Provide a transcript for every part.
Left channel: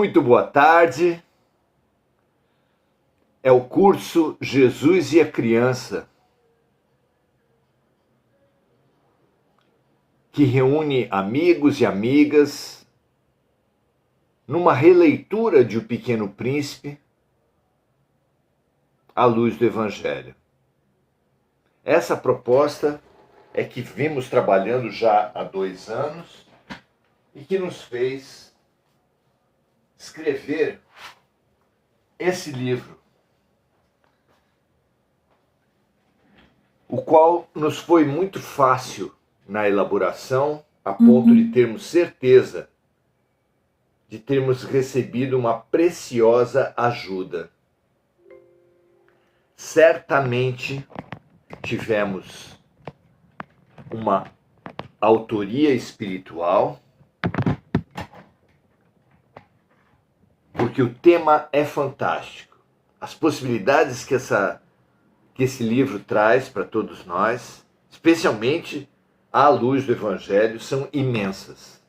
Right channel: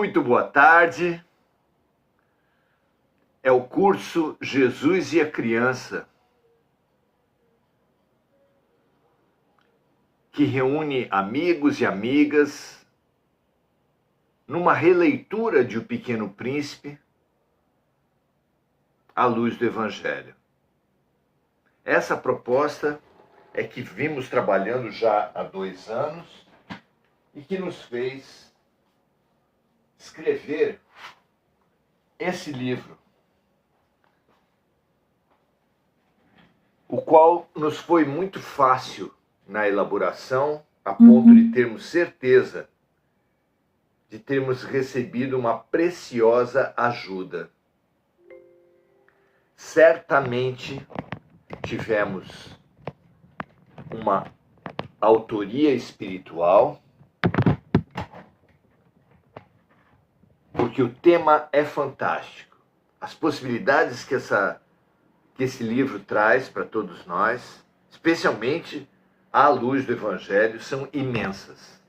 Muito boa tarde. É o curso Jesus e a Criança, que reúne amigos e amigas numa releitura de O Pequeno Príncipe à luz do Evangelho. Essa proposta é que vimos trabalhando já há 2 anos e que nos fez escrever esse livro, o qual nos foi muito fácil na elaboração, a ponto de termos certeza de termos recebido uma preciosa ajuda. Certamente tivemos uma autoria espiritual, porque o tema é fantástico. As possibilidades que esse livro traz para todos nós, especialmente à luz do Evangelho, são imensas.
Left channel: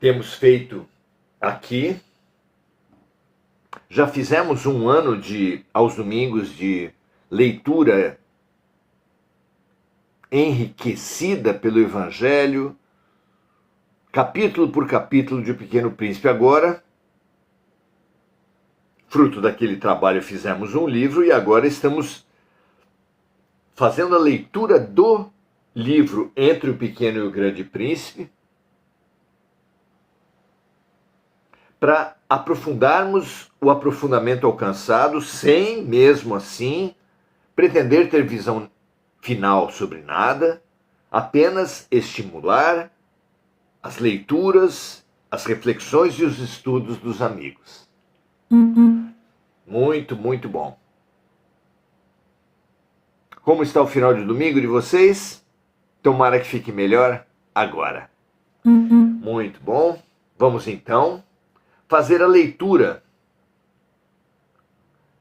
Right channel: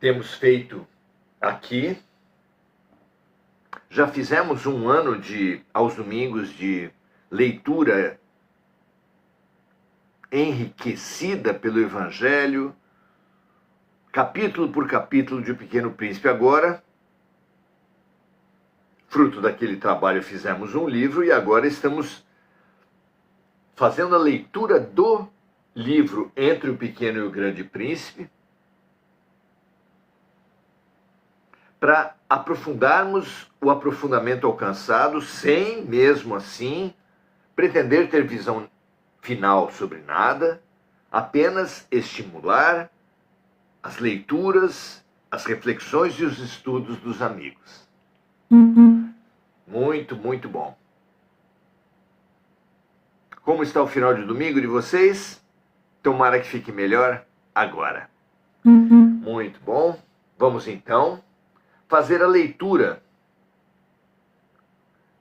Temos feito aqui, já fizemos 1 ano aos domingos de leitura enriquecida pelo Evangelho, capítulo por capítulo de O Pequeno Príncipe. Agora, fruto daquele trabalho, fizemos um livro e agora estamos fazendo a leitura do livro Entre o Pequeno e o Grande Príncipe, para aprofundarmos o aprofundamento alcançado, sem, mesmo assim, pretender ter visão final sobre nada, apenas estimular as leituras, as reflexões e os estudos dos amigos. Muito, muito bom. Como está o final de domingo de vocês? Tomara que fique melhor agora. Muito bom. Vamos então fazer a leitura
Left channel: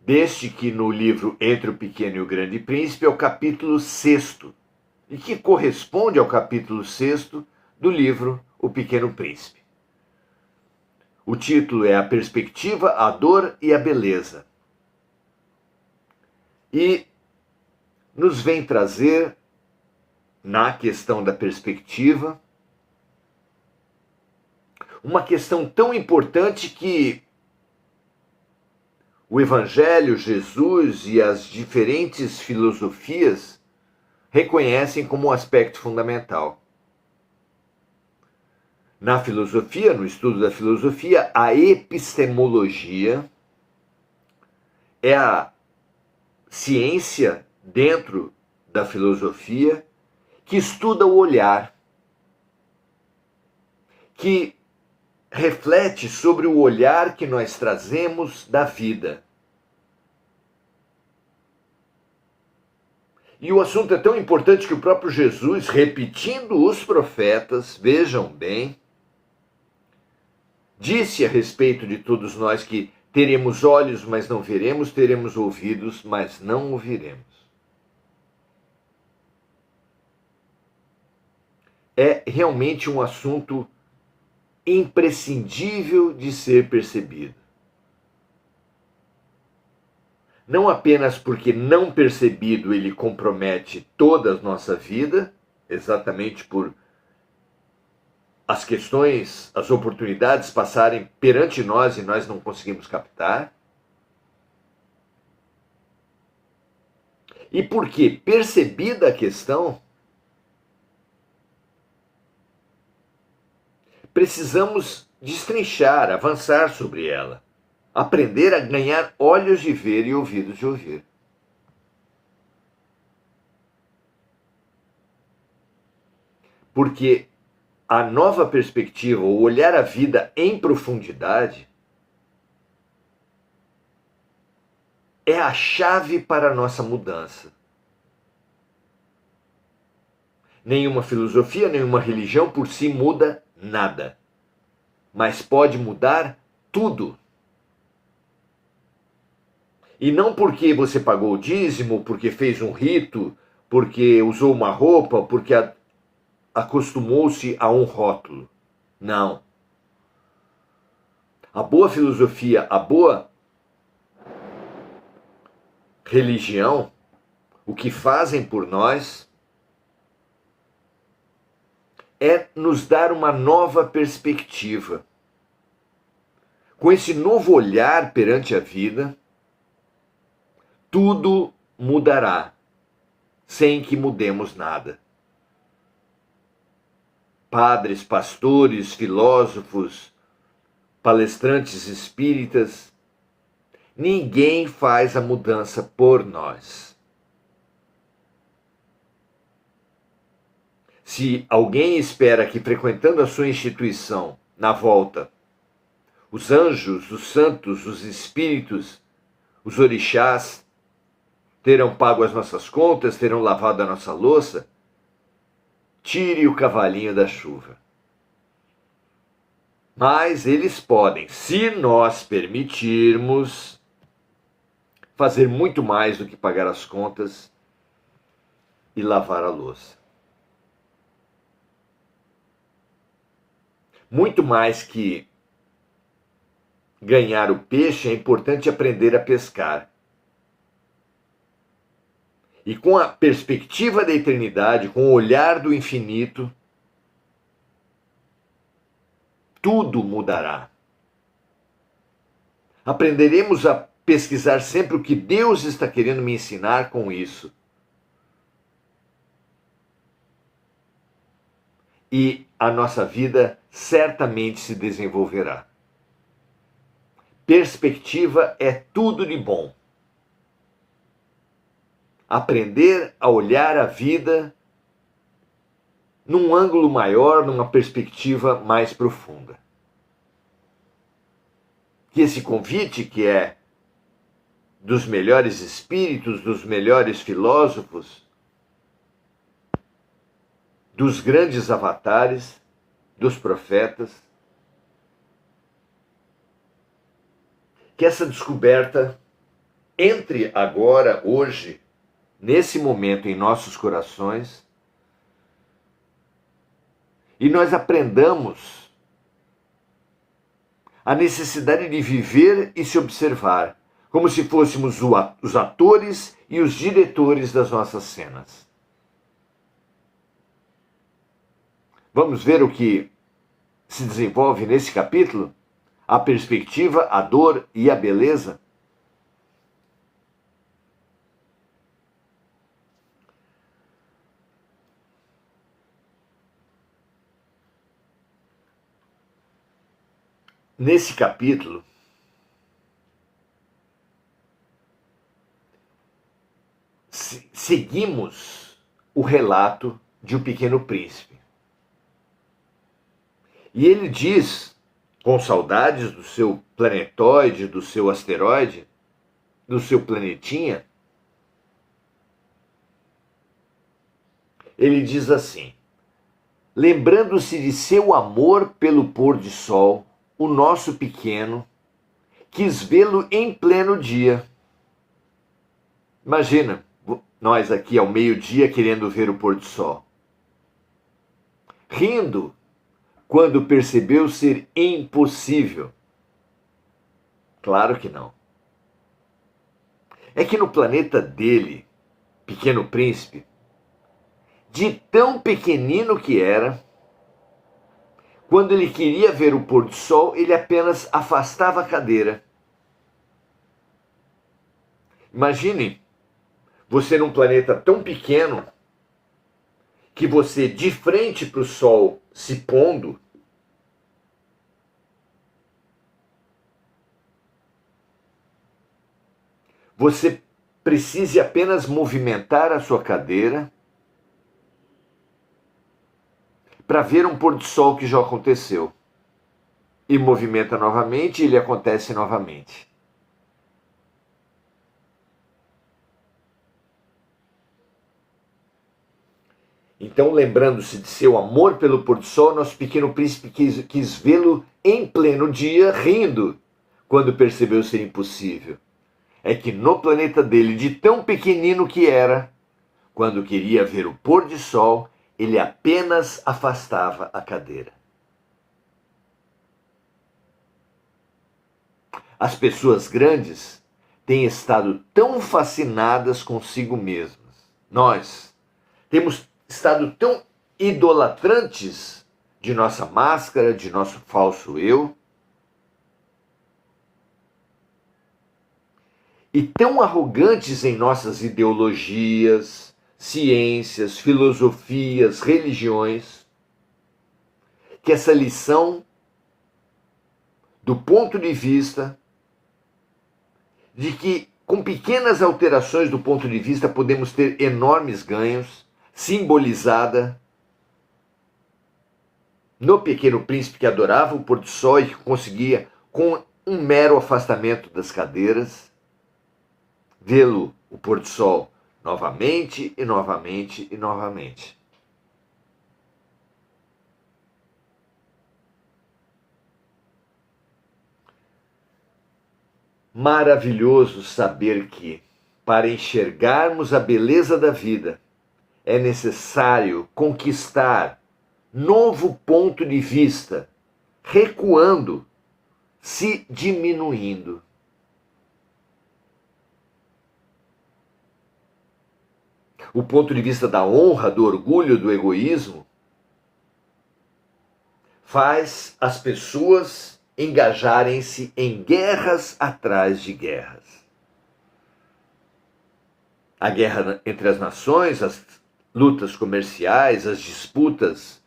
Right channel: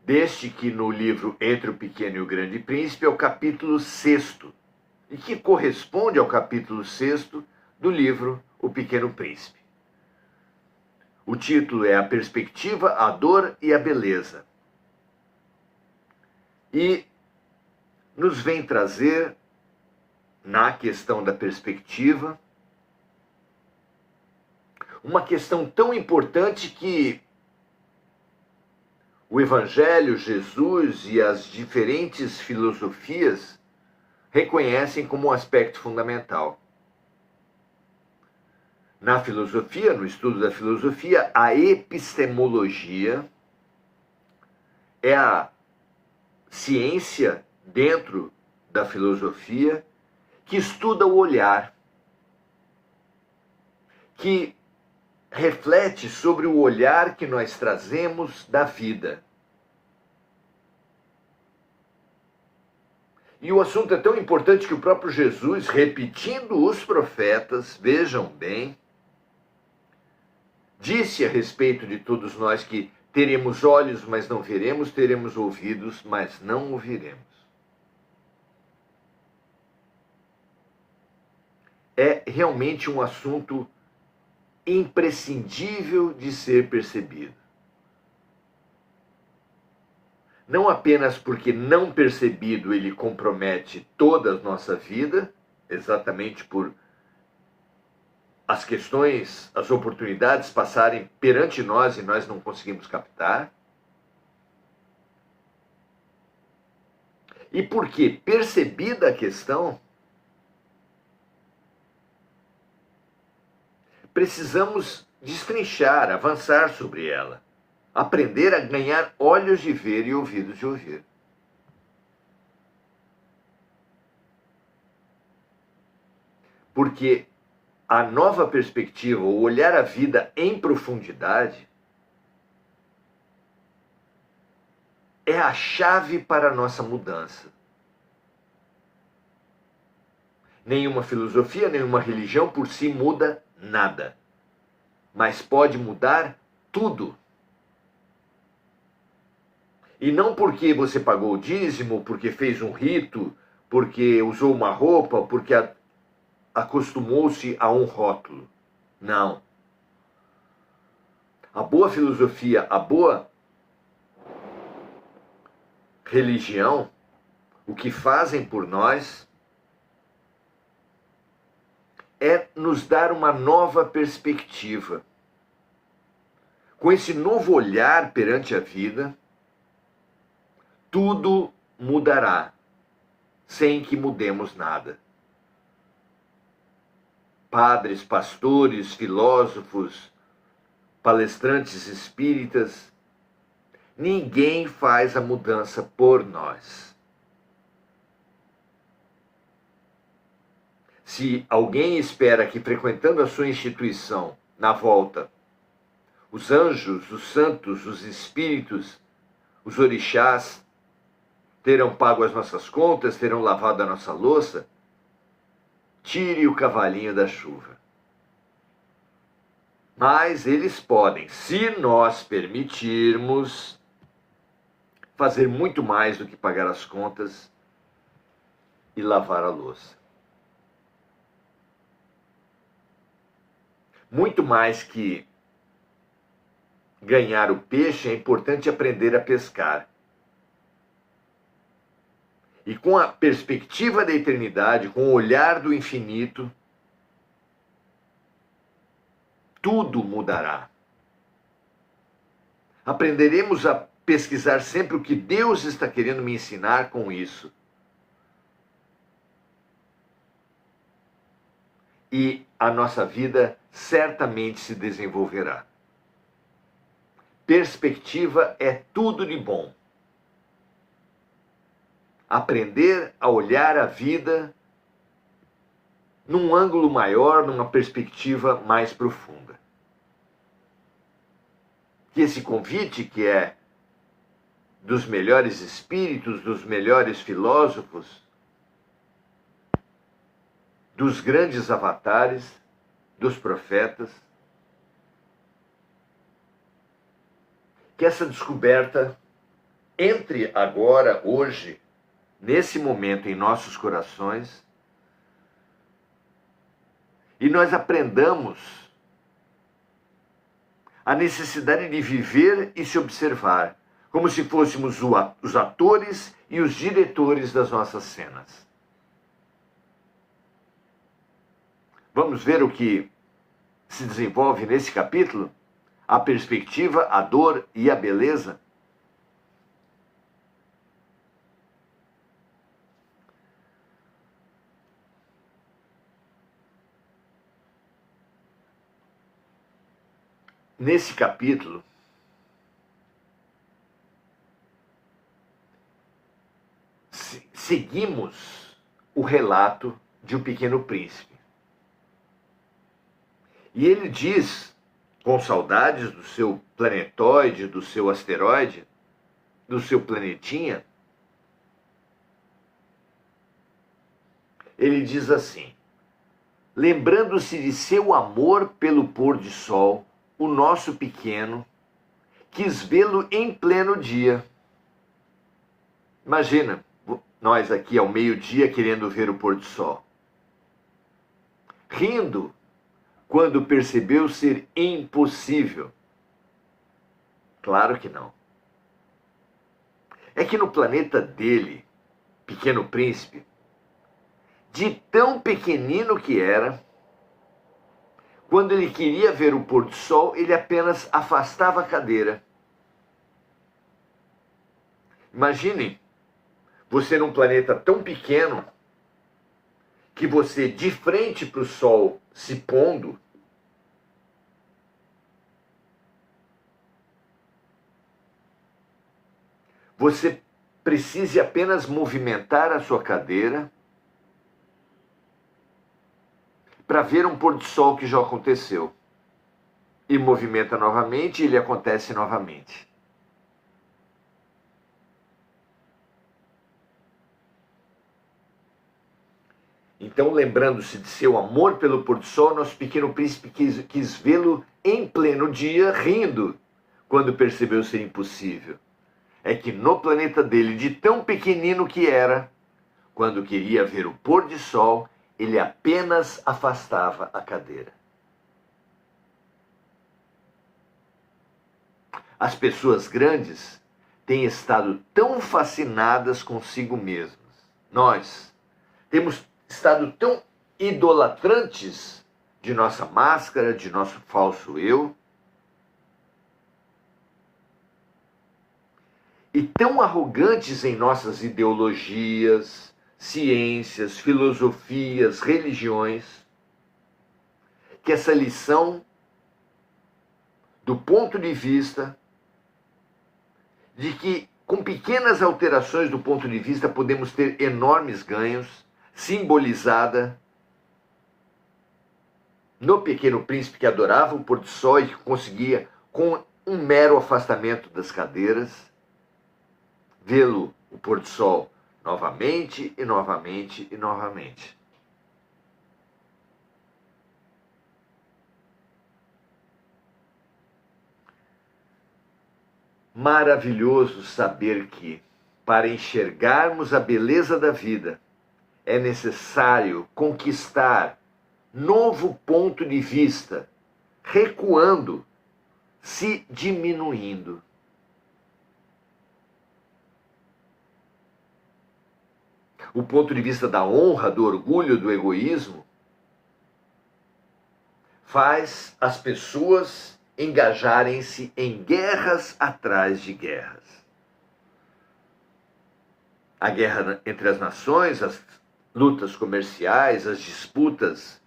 deste que no livro Entre o Pequeno e o Grande Príncipe é o capítulo 6º, e que corresponde ao capítulo 6º do livro O Pequeno Príncipe. O título é A Perspectiva, a Dor e a Beleza. E nos vem trazer, na questão da perspectiva, uma questão tão importante que o Evangelho, Jesus e as diferentes filosofias reconhecem como um aspecto fundamental. Na filosofia, no estudo da filosofia, a epistemologia é a ciência dentro da filosofia que estuda o olhar, que reflete sobre o olhar que nós trazemos da vida. E o assunto é tão importante que o próprio Jesus, repetindo os profetas, vejam bem, disse a respeito de todos nós que teremos olhos, mas não veremos, teremos ouvidos, mas não ouviremos. É realmente um assunto imprescindível de ser percebido. Não apenas porque não percebido ele compromete toda a nossa vida, exatamente por as questões, as oportunidades passarem perante nós e nós não conseguimos captar. E porque, percebida a questão, precisamos destrinchar, avançar sobre ela, aprender a ganhar olhos de ver e ouvidos de ouvir. Porque a nova perspectiva, o olhar a vida em profundidade, é a chave para a nossa mudança. Nenhuma filosofia, nenhuma religião por si muda nada, mas pode mudar tudo. E não porque você pagou o dízimo, porque fez um rito, porque usou uma roupa, porque acostumou-se a um rótulo. Não. A boa filosofia, a boa religião, o que fazem por nós é nos dar uma nova perspectiva. Com esse novo olhar perante a vida, tudo mudará, sem que mudemos nada. Padres, pastores, filósofos, palestrantes espíritas, ninguém faz a mudança por nós. Se alguém espera que frequentando a sua instituição, na volta, os anjos, os santos, os espíritos, os orixás terão pago as nossas contas, terão lavado a nossa louça, tire o cavalinho da chuva. Mas eles podem, se nós permitirmos, fazer muito mais do que pagar as contas e lavar a louça. Muito mais que ganhar o peixe, é importante aprender a pescar. E com a perspectiva da eternidade, com o olhar do infinito, tudo mudará. Aprenderemos a pesquisar sempre o que Deus está querendo me ensinar com isso. E a nossa vida certamente se desenvolverá. Perspectiva é tudo de bom. Aprender a olhar a vida num ângulo maior, numa perspectiva mais profunda. Que esse convite, que é dos melhores espíritos, dos melhores filósofos, dos grandes avatares, dos profetas, que essa descoberta entre agora, hoje, nesse momento em nossos corações, e nós aprendamos a necessidade de viver e se observar, como se fôssemos os atores e os diretores das nossas cenas. Vamos ver o que se desenvolve nesse capítulo? A perspectiva, a dor e a beleza? Nesse capítulo, seguimos o relato de O Pequeno Príncipe. E ele diz, com saudades do seu planetoide, do seu asteroide, do seu planetinha, ele diz assim: lembrando-se de seu amor pelo pôr de sol, o nosso pequeno quis vê-lo em pleno dia. Imagina, nós aqui ao meio-dia querendo ver o pôr do sol. Rindo quando percebeu ser impossível. Claro que não. É que no planeta dele, Pequeno Príncipe, de tão pequenino que era, quando ele queria ver o pôr do sol, ele apenas afastava a cadeira. Imagine você num planeta tão pequeno que você, de frente para o sol se pondo, você precise apenas movimentar a sua cadeira para ver um pôr do sol que já aconteceu. E movimenta novamente e ele acontece novamente. Então, lembrando-se de seu amor pelo pôr do sol, nosso Pequeno Príncipe quis vê-lo em pleno dia, rindo, quando percebeu ser impossível. É que no planeta dele, de tão pequenino que era, quando queria ver o pôr de sol, ele apenas afastava a cadeira. As pessoas grandes têm estado tão fascinadas consigo mesmas. Nós temos estado tão idolatrantes de nossa máscara, de nosso falso eu, e tão arrogantes em nossas ideologias, ciências, filosofias, religiões, que essa lição, do ponto de vista de que com pequenas alterações do ponto de vista podemos ter enormes ganhos, simbolizada no Pequeno Príncipe, que adorava o pôr do sol e que conseguia, com um mero afastamento das cadeiras, vê-lo, o pôr do sol, novamente e novamente e novamente. Maravilhoso saber que, para enxergarmos a beleza da vida, é necessário conquistar novo ponto de vista, recuando, se diminuindo. O ponto de vista da honra, do orgulho, do egoísmo, faz as pessoas engajarem-se em guerras atrás de guerras. A guerra entre as nações, as lutas comerciais, as disputas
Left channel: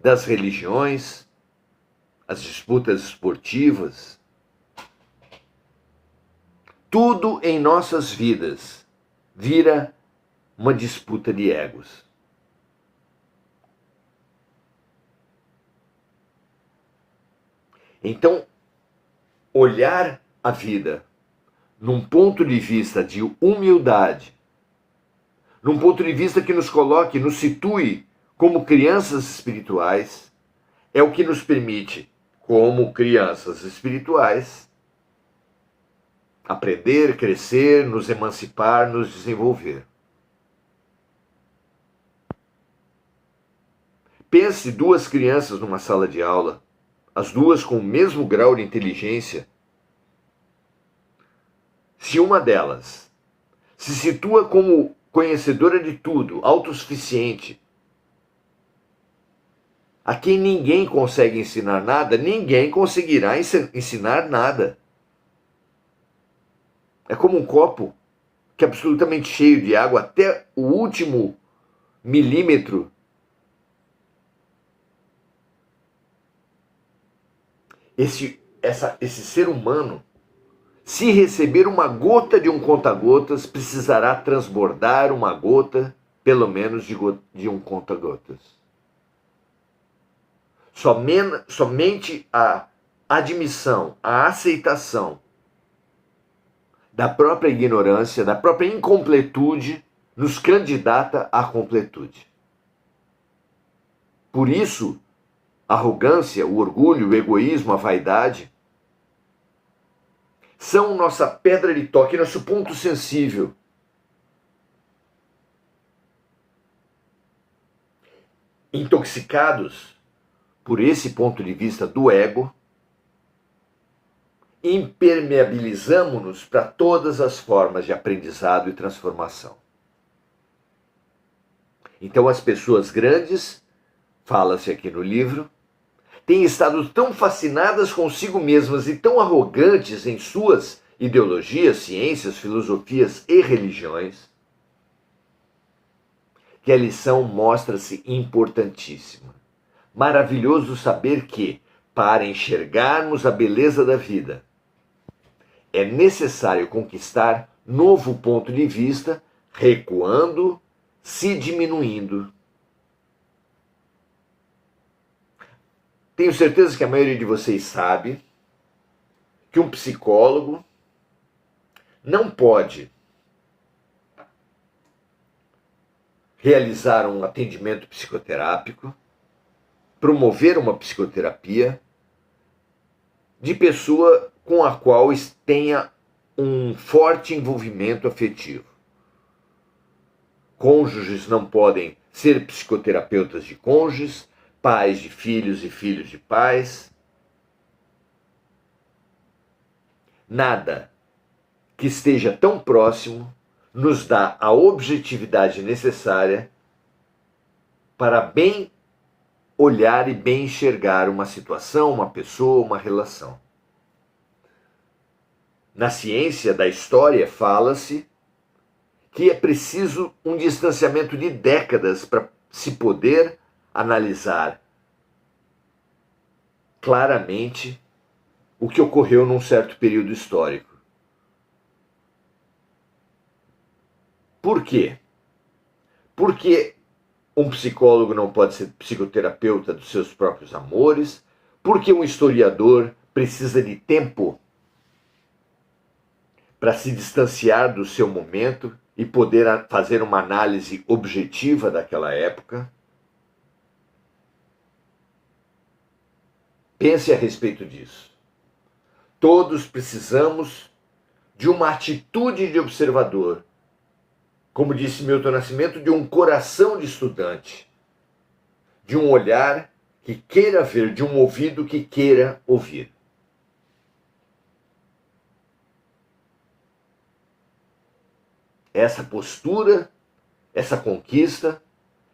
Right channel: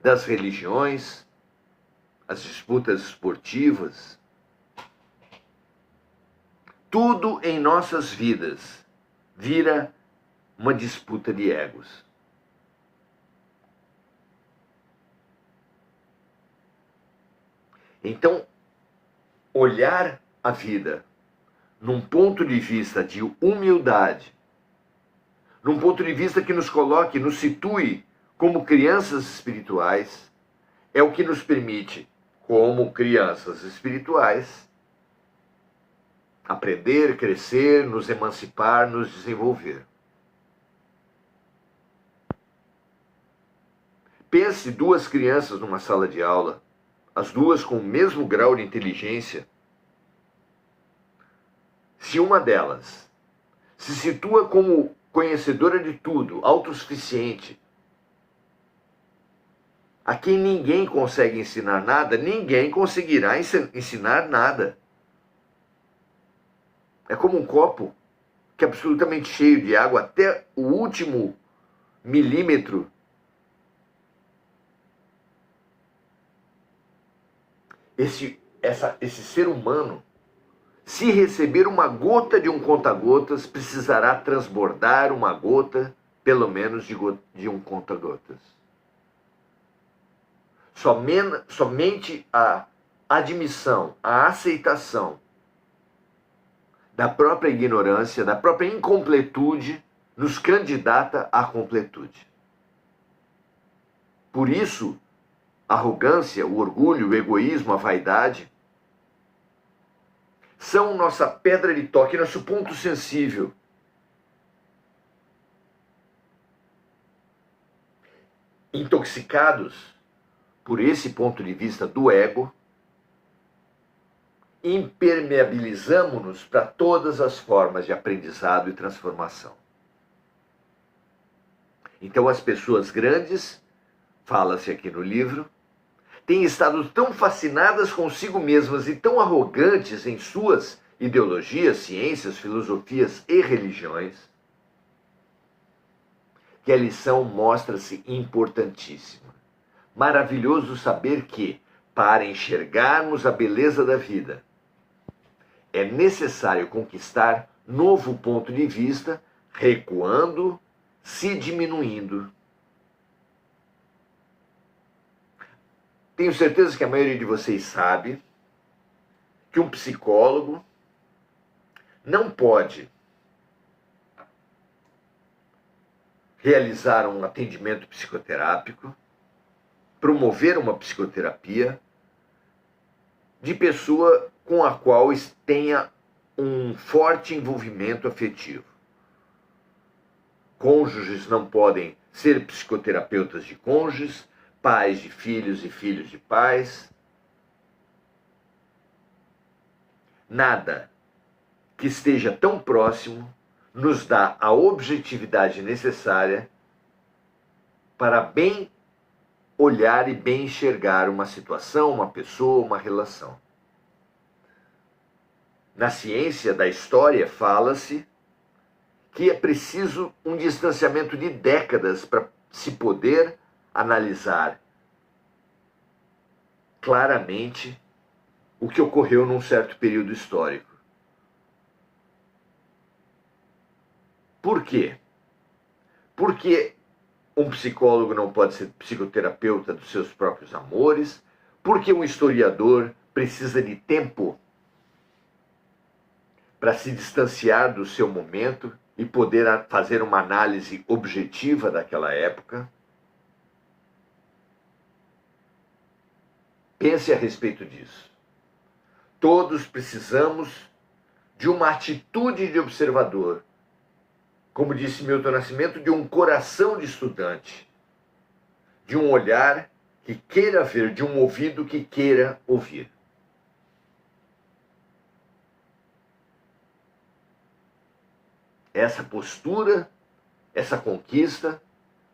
das religiões, as disputas esportivas. Tudo em nossas vidas vira uma disputa de egos. Então, olhar a vida num ponto de vista de humildade, num ponto de vista que nos coloque, nos situe como crianças espirituais, é o que nos permite, como crianças espirituais, aprender, crescer, nos emancipar, nos desenvolver. Pense duas crianças numa sala de aula, as duas com o mesmo grau de inteligência. Se uma delas se situa como conhecedora de tudo, autossuficiente, a quem ninguém consegue ensinar nada, ninguém conseguirá ensinar nada. É como um copo que é absolutamente cheio de água até o último milímetro. Esse ser humano, se receber uma gota de um conta-gotas, precisará transbordar uma gota, pelo menos, de um conta-gotas. Somente a admissão, a aceitação da própria ignorância, da própria incompletude, nos candidata à completude. Por isso, a arrogância, o orgulho, o egoísmo, a vaidade são nossa pedra de toque, nosso ponto sensível. Intoxicados por esse ponto de vista do ego, impermeabilizamos-nos para todas as formas de aprendizado e transformação. Então as pessoas grandes, fala-se aqui no livro, têm estado tão fascinadas consigo mesmas e tão arrogantes em suas ideologias, ciências, filosofias e religiões, que a lição mostra-se importantíssima. Maravilhoso saber que, para enxergarmos a beleza da vida, é necessário conquistar novo ponto de vista, recuando, se diminuindo. Tenho certeza que a maioria de vocês sabe que um psicólogo não pode realizar um atendimento psicoterápico, promover uma psicoterapia de pessoa com a qual tenha um forte envolvimento afetivo. Cônjuges não podem ser psicoterapeutas de cônjuges, pais de filhos e filhos de pais. nada que esteja tão próximo nos dá a objetividade necessária para bem olhar e bem enxergar uma situação, uma pessoa, uma relação. Na ciência da história fala-se que é preciso um distanciamento de décadas para se poder analisar claramente o que ocorreu num certo período histórico. Por quê? Porque um psicólogo não pode ser psicoterapeuta dos seus próprios amores, porque um historiador precisa de tempo para se distanciar do seu momento e poder fazer uma análise objetiva daquela época. Pense a respeito disso. Todos precisamos de uma atitude de observador, como disse Milton Nascimento, de um coração de estudante, de um olhar que queira ver, de um ouvido que queira ouvir. Essa postura, essa conquista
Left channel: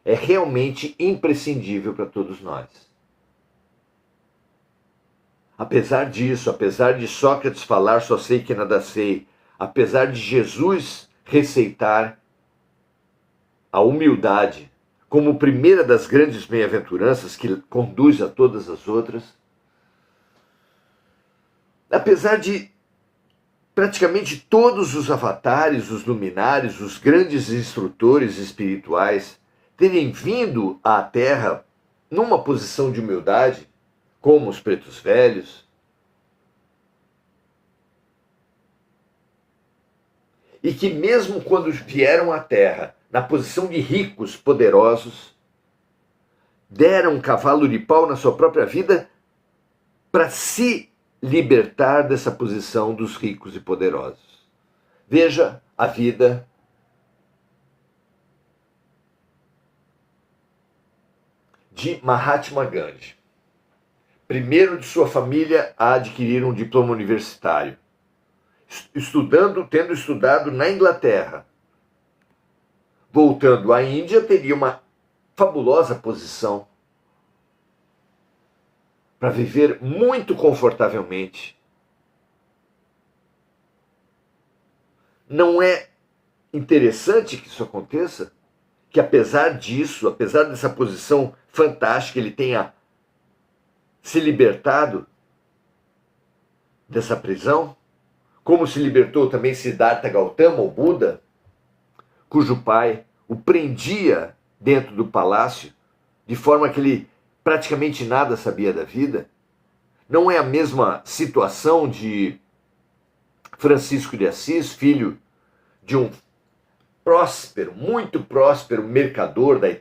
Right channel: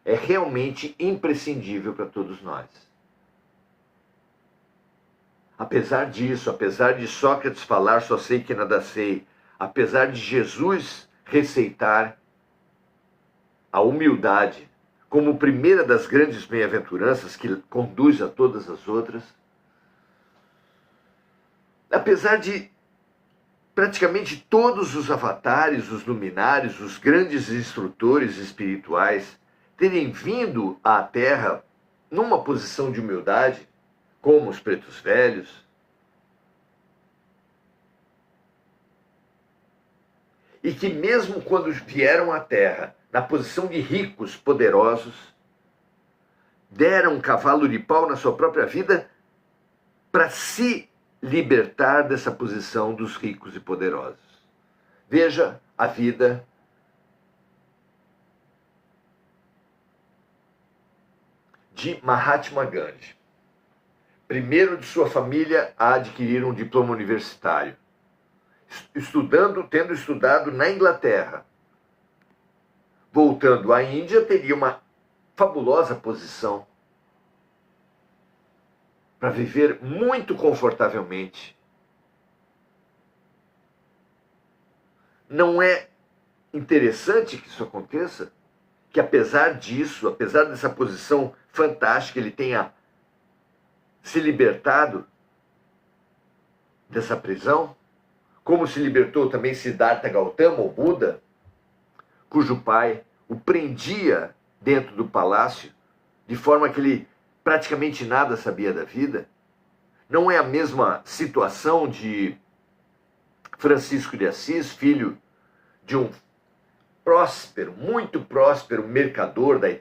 é realmente imprescindível para todos nós. Apesar disso, apesar de Sócrates falar só sei que nada sei, apesar de Jesus receitar a humildade como primeira das grandes bem-aventuranças que conduz a todas as outras, apesar de praticamente todos os avatares, os luminares, os grandes instrutores espirituais terem vindo à Terra numa posição de humildade, como os pretos velhos, e que mesmo quando vieram à Terra na posição de ricos poderosos, deram um cavalo de pau na sua própria vida para se libertar dessa posição dos ricos e poderosos. Veja a vida de Mahatma Gandhi. Primeiro de sua família a adquirir um diploma universitário, tendo estudado na Inglaterra. Voltando à Índia, teria uma fabulosa posição para viver muito confortavelmente. Não é interessante que isso aconteça? Que apesar disso, apesar dessa posição fantástica, ele tenha se libertado dessa prisão, como se libertou também Siddhartha Gautama, o Buda, cujo pai o prendia dentro do palácio, de forma que ele praticamente nada sabia da vida. Não é a mesma situação de Francisco de Assis, filho de um próspero, muito próspero mercador da Itália,